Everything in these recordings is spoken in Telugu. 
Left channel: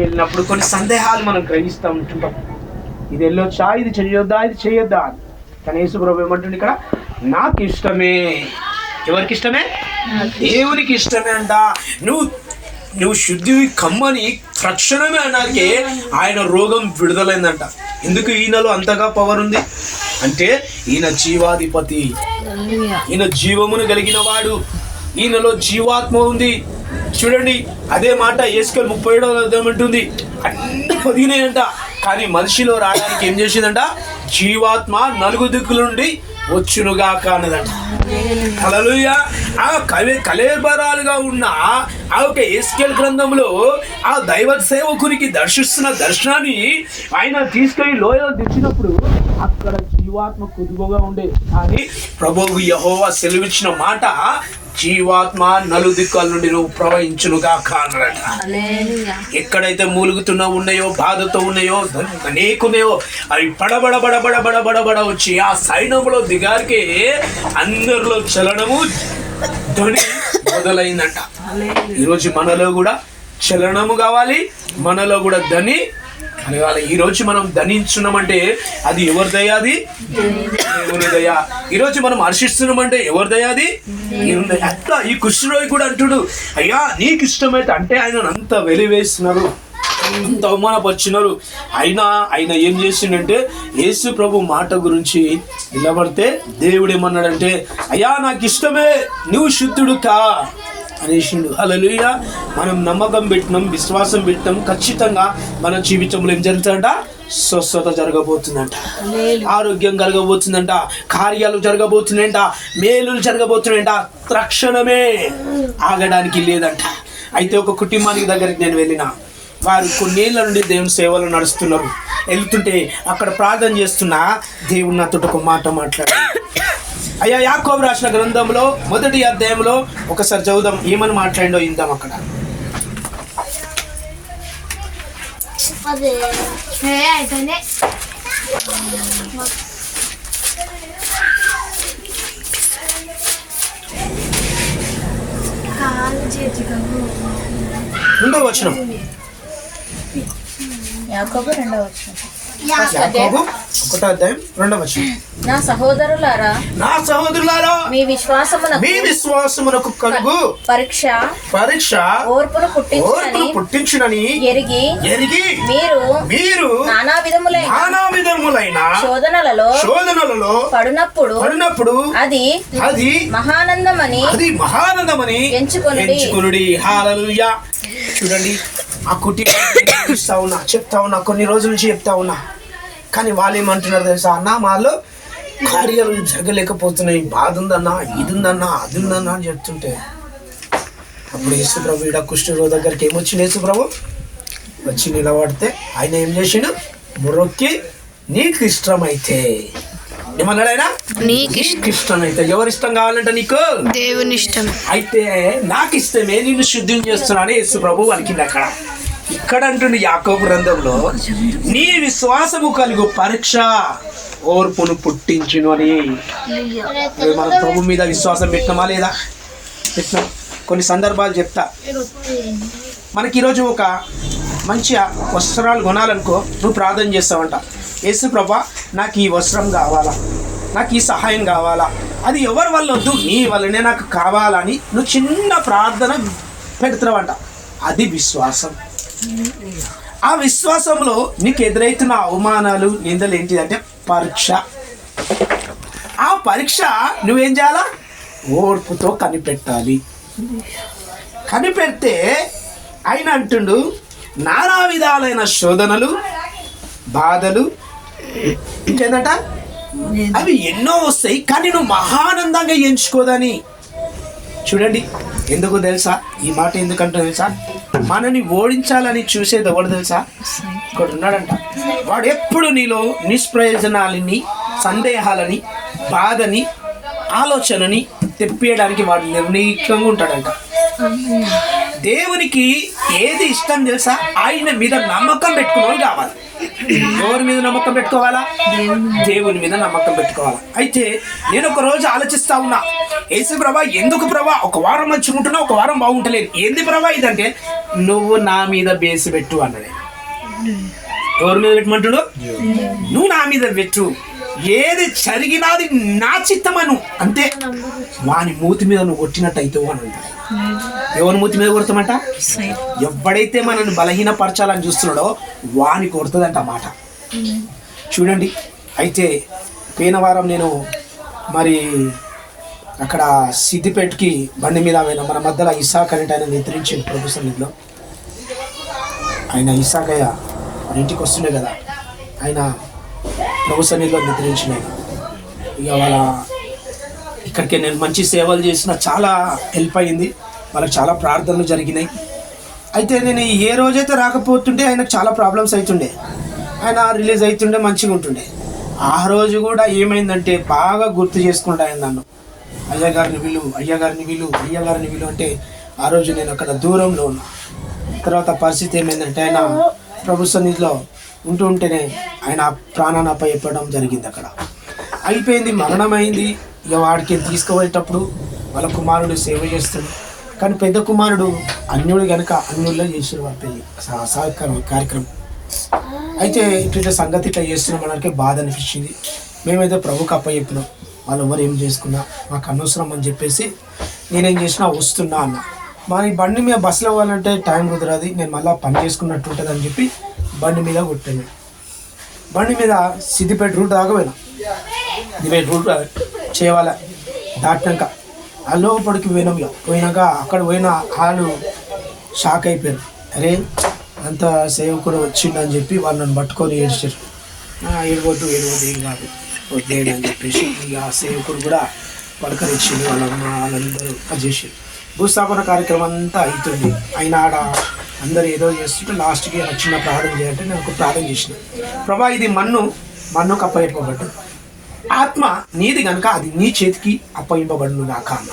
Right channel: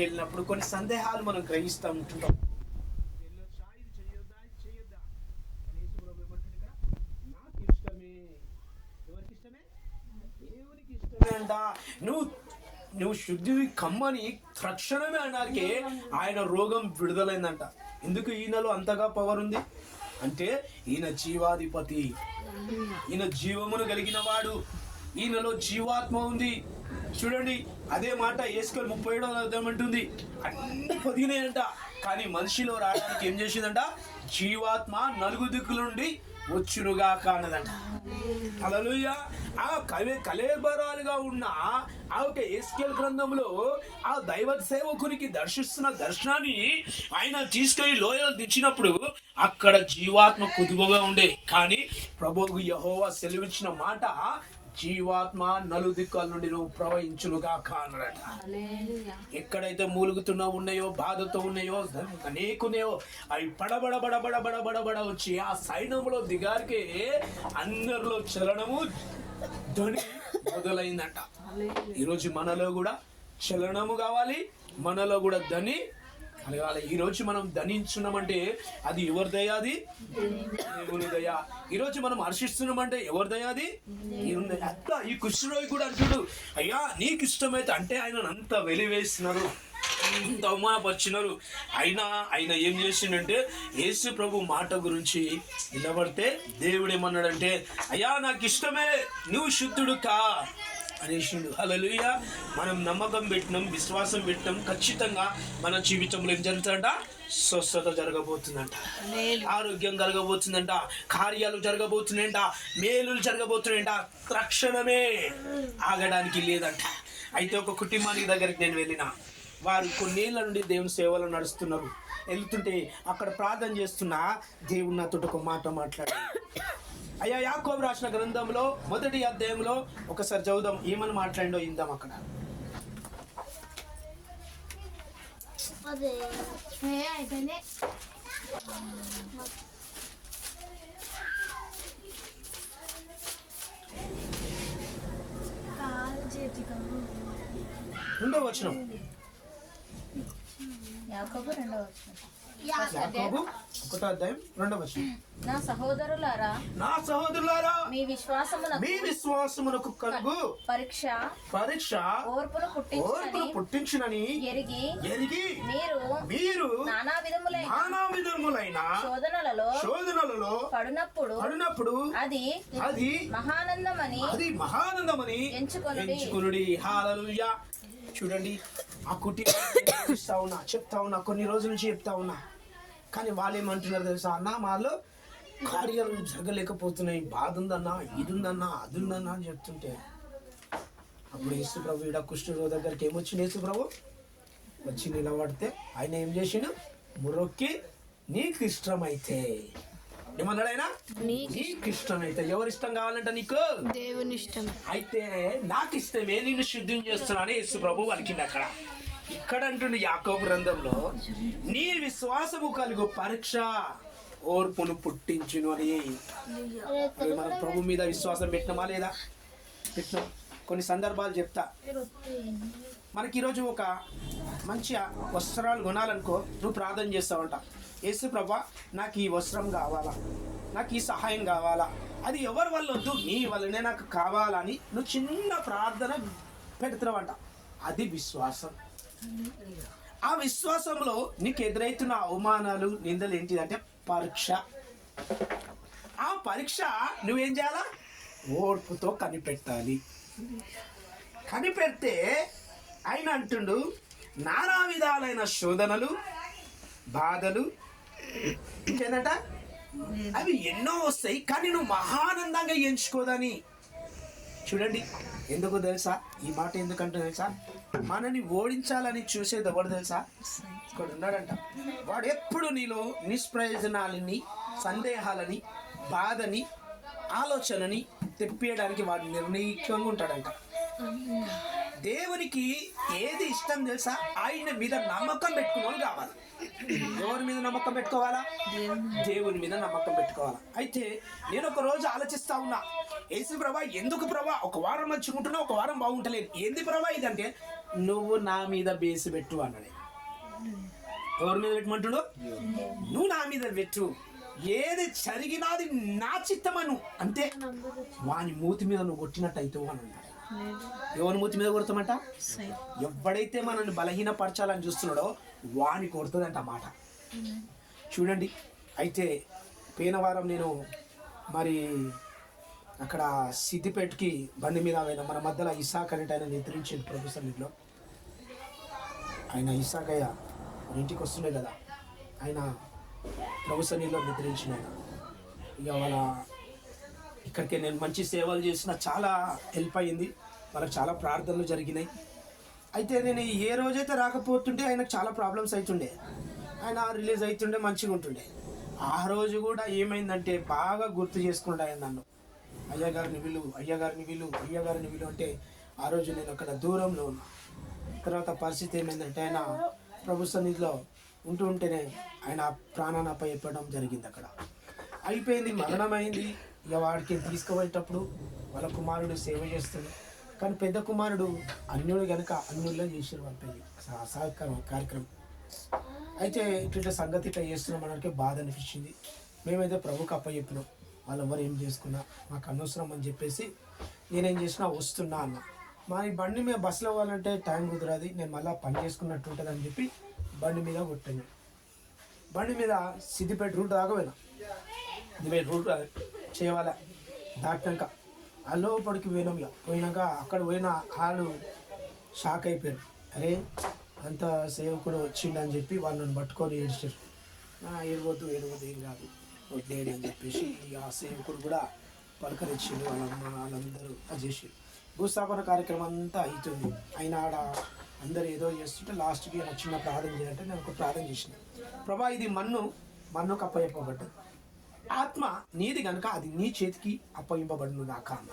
వెళ్ళినప్పుడు కొన్ని సందేహాలు మనం గ్రహిస్తూ ఉంటుంటాం. ఇది వెళ్ళొచ్చా, ఇది చేయొద్దా, ఇది చేయొద్దా. కానీ యేసు ప్రభు ఏమంటుంది ఇక్కడ, నాకు ఇష్టమే. ఎవరికి ఇష్టమే? దేవునికి ఇష్టమే అంట. నువ్వు శుద్ధి కమ్మని తక్షణమే అన్నాకే ఆయన రోగం విడుదలైందంట. ఎందుకు ఈయనలో అంతగా పవర్ ఉంది అంటే, ఈయన జీవాధిపతి, ఈయన జీవమును కలిగిన వాడు, ఈయనలో జీవాత్మ ఉంది. చూడండి, అదే మాట యేసుకేలు 37వ అధ్యాయం అంటుంది, అన్ని పొదిగినాయంట. కానీ మనిషిలో రావడానికి ఏం చేసిందంట? జీవాత్మ నలుగు దిక్కుల నుండి వచ్చునుగా కానదంట. హల్లెలూయా. ఆ కళేబరాలుగా ఉన్న ఆ యొక్క యేసుకేలు గ్రంథంలో ఆ దైవ సేవకునికి దర్శిస్తున్న దర్శనాన్ని ఆయన తీసుకొని లోయలో తెచ్చినప్పుడు అక్కడ జీవాత్మ కుదుపుగా ఉండే. కానీ ప్రభువు యెహోవా సెలవిచ్చిన మాట, జీవాత్మ నలుదిక్కుల నుండి నువ్వు ప్రవహించునుగా కానరట. ఎక్కడైతే మూలుగుతున్నా ఉన్నాయో, బాధతో ఉన్నాయో, అనేకున్నాయో, అవి బడబడ బడబడ బడబడ వచ్చి ఆ సైన్యంలో దిగారికే అందరిలో చలనము ధ్వని మొదలైందంట. ఈరోజు మనలో కూడా చలనము కావాలి, మనలో కూడా ధ్వని కలగాలి. ఈరోజు మనం ధనించున్నామంటే అది ఎవరి దయ? అది దేవుని దయ. ఈరోజు మనం హర్షిస్తున్నామంటే ఎవరి దయ? అది అట్లా ఈ కుష్ఠరోగి కూడా అంటుడు, అయ్యా నీకు ఇష్టమైతే అంటే ఆయన అంత వెలివేస్తున్నారు, అంత అవమానపరిచినారు. ఆయన ఏం చేసిండంటే, యేసు ప్రభు మాట గురించి నిలబడితే దేవుడు ఏమన్నాడంటే, అయ్యా నాకు ఇష్టమే, నువ్వు శుద్ధుడు కా అనేసిండు. హల్లెలూయా. మనం నమ్మకం పెట్టినాం, విశ్వాసం పెట్టినాం, ఖచ్చితంగా మన జీవితంలో ఏం జరుగుతుందంట? స్వస్థత జరగబోతుందంట, ఆరోగ్యం కలగబోతుందంట, కార్యాలు జరగబోతున్నాయంట, మేలులు జరగబోతున్నాయంట. తక్షణమే ఆగడానికి లేదంట. అయితే ఒక కుటుంబానికి దగ్గరికి నేను వెళ్ళిన, వారు కొన్నేళ్ల నుండి దేవుని సేవలు నడుస్తున్నారు. వెళ్తుంటే అక్కడ ప్రార్థన చేస్తున్నా దేవుడు నాతో ఒక మాట మాట్లాడారు. అయ్యా, యాకోబు రాసిన గ్రంథంలో 1వ అధ్యాయంలో ఒకసారి చదువుదాం, ఏమని మాట్లాడిండో ఇందాం. అక్కడ రెండవ వచనం, యాకోబు 2వ వచనం. యాకోబు 1వ అధ్యాయం 2వ వచనం. నా సహోదరులారా, మీ విశ్వాసమునకు కలుగు పరీక్ష ఓర్పును పుట్టించునని ఎరిగి మీరు నానా విధములైన శోధనలలో పడినప్పుడు అది మహానందమని ఎంచుకొనుడి. హల్లెలూయా. చూడండి, ఆ కుటుంబం చెప్తా ఉన్నా, కొన్ని రోజుల నుంచి చెప్తా ఉన్నా. కానీ వాళ్ళు ఏమంటున్నారు తెలుసా? అన్న మాలో కార్యాలు జరగలేకపోతున్నాయి, బాధ ఉందన్నా, ఇది ఉందన్నా, అది ఉందన్నా అని చెప్తుంటే, అప్పుడు యేసు ప్రభు ఈడ కుష్ఠరోగి దగ్గరికి ఏమొచ్చింది? యేసు ప్రభు వచ్చి నిలబడితే ఆయన ఏం చేసిండు? మొరొక్కి నీకు ఇష్టమైతే, ఏమన్నాడు ఆయన? నీకు ఇష్టమైతే. ఎవరి ఇష్టం కావాలంటే నీకు? దేవుని ఇష్టం. అయితే నాకు ఇష్టమే, నిన్ను శుద్ధిని చేస్తున్నాను యేసు ప్రభు అనికింది. అక్కడ ఇక్కడ అంటుండే యాకోబు గ్రంథంలో, నీ విశ్వాసము కలుగు పరీక్ష ఓర్పును పుట్టించును అని. మన ప్రభు మీద విశ్వాసం పెట్టినామా లేదా? పెట్టినాం. కొన్ని సందర్భాలు చెప్తా. మనకి ఈరోజు ఒక మంచి వస్త్రాలు కొనాలనుకో, నువ్వు ప్రార్థన చేస్తావంట, యేసు ప్రభా నాకు ఈ వస్త్రం కావాలా, నాకు ఈ సహాయం కావాలా, అది ఎవరి వల్ల వద్దు, నీ వల్లనే నాకు కావాలని నువ్వు చిన్న ప్రార్థన పెడుతున్నావంట. అది విశ్వాసం. ఆ విశ్వాసంలో నీకు ఎదురైతున్న అవమానాలు, నిందలు ఏంటిదంటే పరీక్ష. ఆ పరీక్ష నువ్వేం చేయాలా? ఓర్పుతో కనిపెట్టాలి. కనిపెడితే ఆయన అంటుండు, నానా విధాలైన శోధనలు, బాధలు, ఇంకేందట, అవి ఎన్నో వస్తాయి, కానీ నువ్వు మహానందంగా ఎంచుకోదని. చూడండి, ఎందుకు తెలుసా ఈ మాట? ఎందుకంటే తెలుసా, మనని ఓడించాలని చూసేది ఎవడు తెలుసా? ఇక్కడ ఉన్నాడంట. వాడు ఎప్పుడు నీలో నిష్ప్రయోజనాలని, సందేహాలని, బాధని, ఆలోచనని తెప్పియడానికి వాడు నిర్ణయంగా ఉంటాడంట. దేవునికి ఏది ఇష్టం తెలుసా? ఆయన మీద నమ్మకం పెట్టుకున్నవాడు కావాలి. ఎవరి మీద నమ్మకం పెట్టుకోవాలా? దేవుని మీద నమ్మకం పెట్టుకోవాలా. అయితే నేను ఒక రోజు ఆలోచిస్తా ఉన్నా, యేసు ప్రభా ఎందుకు ప్రభా ఒక వారం మంచిగుంటున్నా ఒక వారం బాగుంటలేదు, ఏంది ప్రభా ఇదంటే నువ్వు నా మీద బేసి పెట్టు అన్నాడు. ఎవరి మీద పెట్టమంటాడు? నువ్వు నా మీద పెట్టు, ఏది జరిగినది నా చిత్తమను అంతే. వాని మూతి మీద నువ్వు కొట్టినట్టు అవుతావు అని అంటాడు. ఎవరి మూతి మీద కొడతామంట? ఎవడైతే మనల్ని బలహీనపరచాలని చూస్తున్నాడో వాని కొడుతుందంట మాట. చూడండి, అయితే పోయిన వారం నేను మరి అక్కడ సిద్దిపేటకి బండి మీద మన మధ్యలో ఇసాక్ అనేట ఆయన నిద్రించింది ప్రభు సన్నిధిలో. ఆయన ఇసాకయ్య మన ఇంటికి వస్తుండే కదా, ఆయన ప్రభు సన్నిధిలో నిద్రించిన. ఇక వాళ్ళ ఇక్కడికి నేను మంచి సేవలు చేసిన, చాలా హెల్ప్ అయింది, వాళ్ళకి చాలా ప్రార్థనలు జరిగినాయి. అయితే నేను ఏ రోజైతే రాకపోతుంటే ఆయనకు చాలా ప్రాబ్లమ్స్ అవుతుండే, ఆయన రిలీజ్ అవుతుండే మంచిగా ఉంటుండే. ఆ రోజు కూడా ఏమైందంటే బాగా గుర్తు చేసుకుంటా ఆయన నన్ను, అయ్యగారిని విలు, అయ్యగారిని విలు, అయ్యగారిని విలు అంటే ఆ రోజు నేను అక్కడ దూరంలో ఉన్నా. తర్వాత పరిస్థితి ఏమైందంటే ఆయన ప్రభు సన్నిధిలో ఉంటూ ఉంటేనే ఆయన ప్రాణాన్ని అప్పచెప్పడం జరిగింది. అక్కడ అయిపోయింది, మరణమైంది. ఇక వాడికి తీసుకుపోయేటప్పుడు వాళ్ళ కుమారుడు సేవ చేస్తాడు, కానీ పెద్ద కుమారుడు అన్యుడు కనుక అన్యుల్లో చేసారు వాళ్ళ పెళ్ళి కార్యక్రమం. అయితే ఇట్లా సంగతి ఇట్లా చేస్తున్నాం అనడానికి బాధ అనిపించింది. మేమైతే ప్రభుకి అప్పచెప్పినాం, వాళ్ళు ఎవరు ఏం చేసుకున్నా మాకు అనవసరం అని చెప్పేసి నేనేం చేసినా వస్తున్నా అన్న. మరి బండి మీద బస్సులో పోవాలంటే టైం కుదరదు, నేను మళ్ళీ పని చేసుకున్నట్టు ఉంటుంది అని చెప్పి బండి మీద కొట్టాను. బండి మీద సిద్దిపేట రూట్ దాకా పోయినా, సిద్దిపేట రూట్ చేయాల దాటినాక ఆ లోపలికి పోయినాం. పోయినాక అక్కడ పోయిన వాళ్ళు షాక్ అయిపోయారు, అరే అంత సేవకుడు వచ్చిండని చెప్పి వాళ్ళు నన్ను పట్టుకొని ఏడ్చారు. ఏడవద్దు ఏం కాదు వద్దేడు అని చెప్పేసి ఇక ఆ సేవకుడు కూడా పలకరించింది, వాళ్ళమ్మ వాళ్ళందరూ అది చేసారు. భూస్థాపన కార్యక్రమం అంతా అవుతుంది. అయినా ఆడ అందరూ ఏదో చేస్తుంటే లాస్ట్కి నాకు చిన్న ప్రార్థన చేయాలంటే నేను ఒక ప్రార్థన చేసిన, ప్రభా ఇది మన్నుకు అప్పగింపబడ్డు, ఆత్మ నీది కనుక అది నీ చేతికి అప్పగింపబడును గాక అన్న.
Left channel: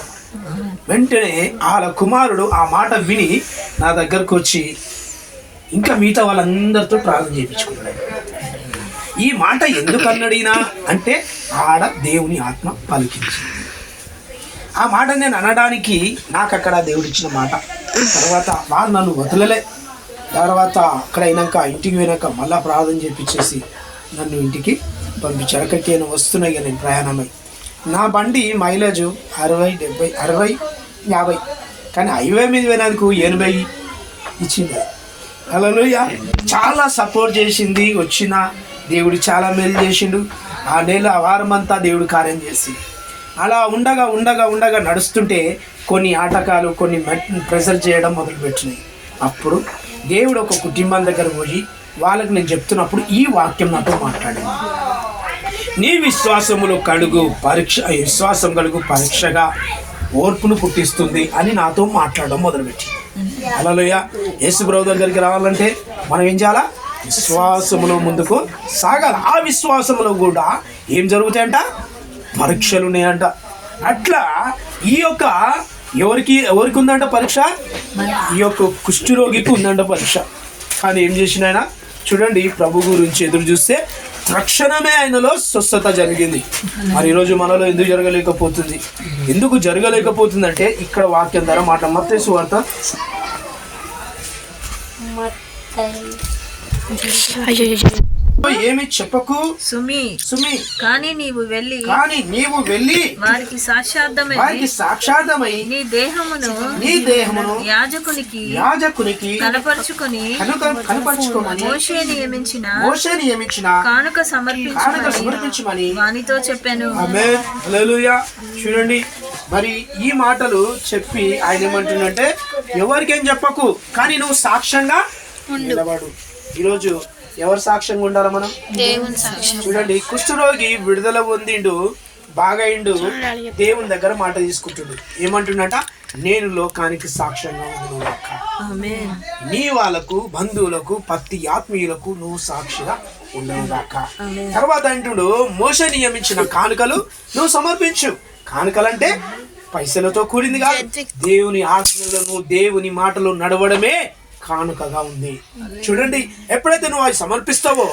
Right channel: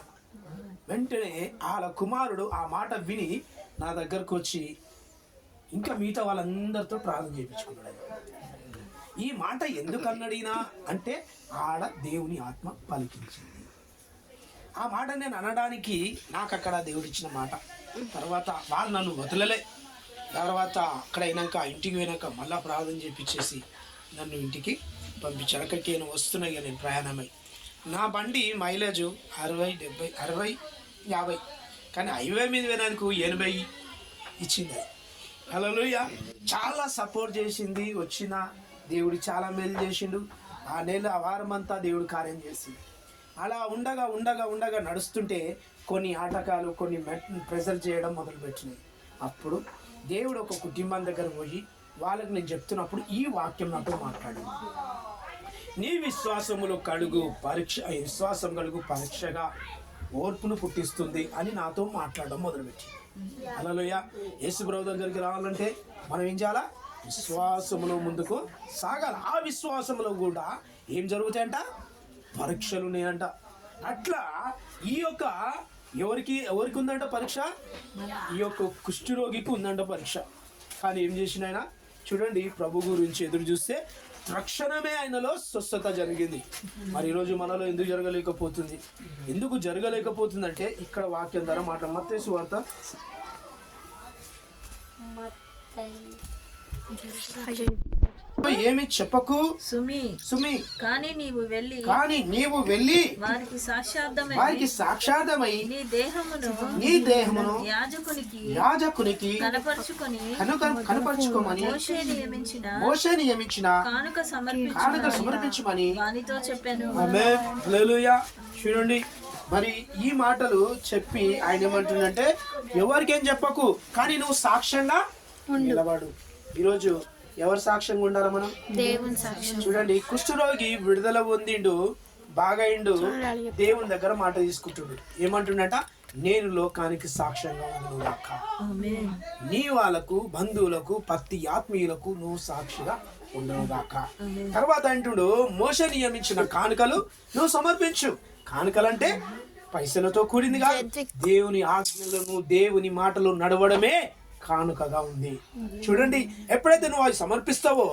వెంటనే వాళ్ళ కుమారుడు ఆ మాట విని నా దగ్గరకు వచ్చి ఇంకా మిగతా వాళ్ళందరితో ప్రార్థన చేయించుకున్నాడు. ఈ మాట ఎందుకు అన్నడినా అంటే ఆడ దేవుని ఆత్మ పలికించింది. ఆ మాట నేను అనడానికి నాకు అక్కడ దేవుడిచ్చిన మాట. తర్వాత వాళ్ళు నన్ను వదలలే. తర్వాత అక్కడ అయినాక ఇంటికి పోయినాక మళ్ళీ ప్రార్థన చేపించేసి నన్ను ఇంటికి పంపించారు. అక్కడికి నేను వస్తున్నాయి ఇక నేను ప్రయాణమై. నా బండి మైలేజ్ 60, 70, 60, 50, కానీ హైవే మీద పోయినందుకు 80 ఇచ్చింది. హల్లెలూయా. చాలా సపోర్ట్ చేసింది. వచ్చిన దేవుడు చాలా మేలు చేసిండు. ఆ నెల వారం అంతా దేవుడు కార్యం చేసి అలా ఉండగా నడుస్తుంటే కొన్ని ఆటకాలు, కొన్ని ప్రెజర్ చేయడం మొదలుపెట్టినాయి. అప్పుడు దేవుడు ఒక కుటుంబం దగ్గర పోయి వాళ్ళకి నేను చెప్తున్నప్పుడు ఈ వాక్యం నాతో మాట్లాడింది. నీ విశ్వాసం కలుగు పరీక్షగా ఓర్పును పుట్టిస్తుంది అని నాతో మాట్లాడడం మొదలుపెట్టి. హల్లెలూయా. యేసు ప్రభు దగ్గరికి రావాలంటే మనం ఏం చేయాలా? విశ్వాసములో ముందుకు సాగాలి. ఆ విశ్వాసములో కూడా ఏం జరుగుతాయంట? పరీక్షలు ఉన్నాయంట. అట్లా ఈ యొక్క ఎవరికి ఉందంట పరీక్ష? ఈ యొక్క కుష్ఠరోగికి ఉందంట పరీక్ష. కానీ ఏం చేసిన ఆయన చూడండి, ప్రభు గురించి ఎదురు చూస్తే తక్షణమే ఆయనలో స్వస్థత జరిగింది. మరి ఈరోజు మనలో ఎందుకు జరగలేకపోతుందంటే ఇక్కడ వాక్యం ద్వారా మాట. మత్తయి సువార్త ఏమి చెప్పకు సుమి, కానీ నీవు వెళ్ళి వారికి సాక్షార్థమై నీ దేహమును యాజకునికి కనపరుచుకొని మోషే నియమించిన కానుక సమర్పించమని వానితో చెప్పాను. హల్లెలూయా. చూడండి, మరి ఈ మాటలు చెప్పి ఆయన ఏమంటుందంటే ఎవరికేం చెప్పకు, కానీ నువ్వు సాక్ష్యంగా నిలబడు. ఈరోజు ఎవరు సాక్ష్యంగా ఉండాలి? మనం. చూడండి, కుష్ఠరోగి విడుదల పొందిండు, బాగైండు, దేవుని దగ్గర మాట తీసుకుంటుండు. ఏమంటుండట? నేను లోకానికి సాక్ష్యంగా ఉన్నాక నీ వాళ్ళకు, బంధువులకు, ప్రతి ఆత్మీయులకు నువ్వు సాక్షిగా ఉండవుగాక. తర్వాత అంటుడు, మోషే నియమించిన కానుకలు నువ్వు సమర్పించు. కానుకలంటే పైసలతో కూడింది కాదు, దేవుని ఆజ్ఞలను, దేవుని మాటలు నడవడమే కానుకగా ఉంది. చూడండి, ఎప్పుడైతే నువ్వు అది సమర్పిస్తావో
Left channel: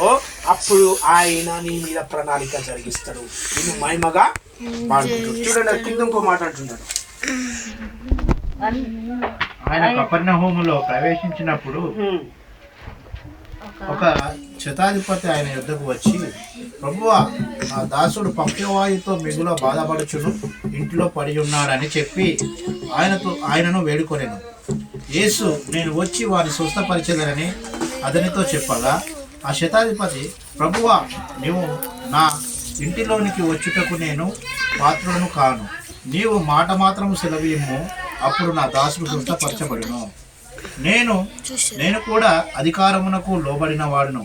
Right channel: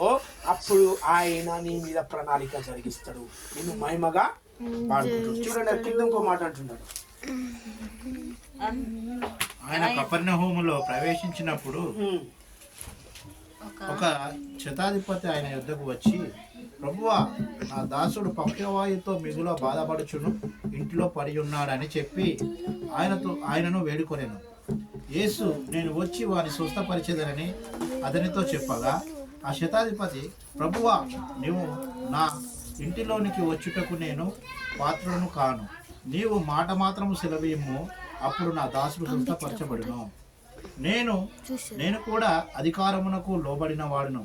అప్పుడు ఆయన నీ మీద ప్రణాళిక జరిగిస్తాడు, నిన్ను మహిమగా వాడుకుంటాడు. చూడండి అది కింద ఇంకో మాట అంటుంటాడు. ఆయన కపెర్నహూములో ప్రవేశించినప్పుడు ఒక శతాధిపతి ఆయన యుద్ధకు వచ్చి, ప్రభువా, ఆ దాసుడు పక్షవాయుతో మిగుల బాధపడుచును, ఇంట్లో పడి ఉన్నాడని చెప్పి ఆయనను వేడుకొనెను. యేసు, నేను వచ్చి వారిని స్వస్థపరిచేదనని అతనితో చెప్పగా, ఆ శతాధిపతి, ప్రభువా, నీవు నా ఇంటిలోనికి వచ్చుటకు నేను పాత్రులను కాను. నీవు మాట మాత్రము సెలవియ్యము, అప్పుడు నా దాసుడు స్వస్థపరచబడును. నేను కూడా అధికారమునకు లోబడిన వాడును.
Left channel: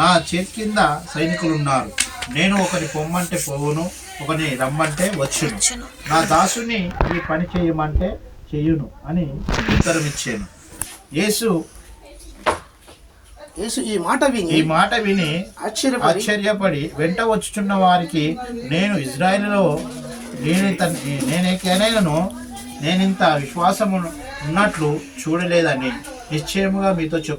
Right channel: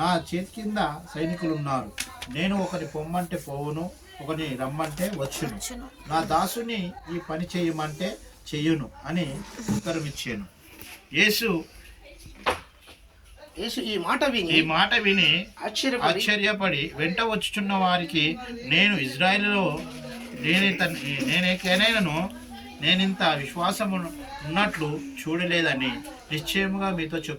నా చేతి కింద సైనికులున్నారు. నేను ఒకరి పొమ్మంటే పోవును, ఒకరిని రమ్మంటే వచ్చును. నా దాసుని ఈ పని చేయమంటే చెయ్యును అని ఉత్తరం ఇచ్చాను. యేసు ఈ మాట విని ఆశ్చర్యపడి వెంట వచ్చుచున్న వారికి, నేను ఇజ్రాయేలులో నేనింత విశ్వాసము ఉన్నట్లు చూడలేదని నిశ్చయముగా మీతో చెప్పు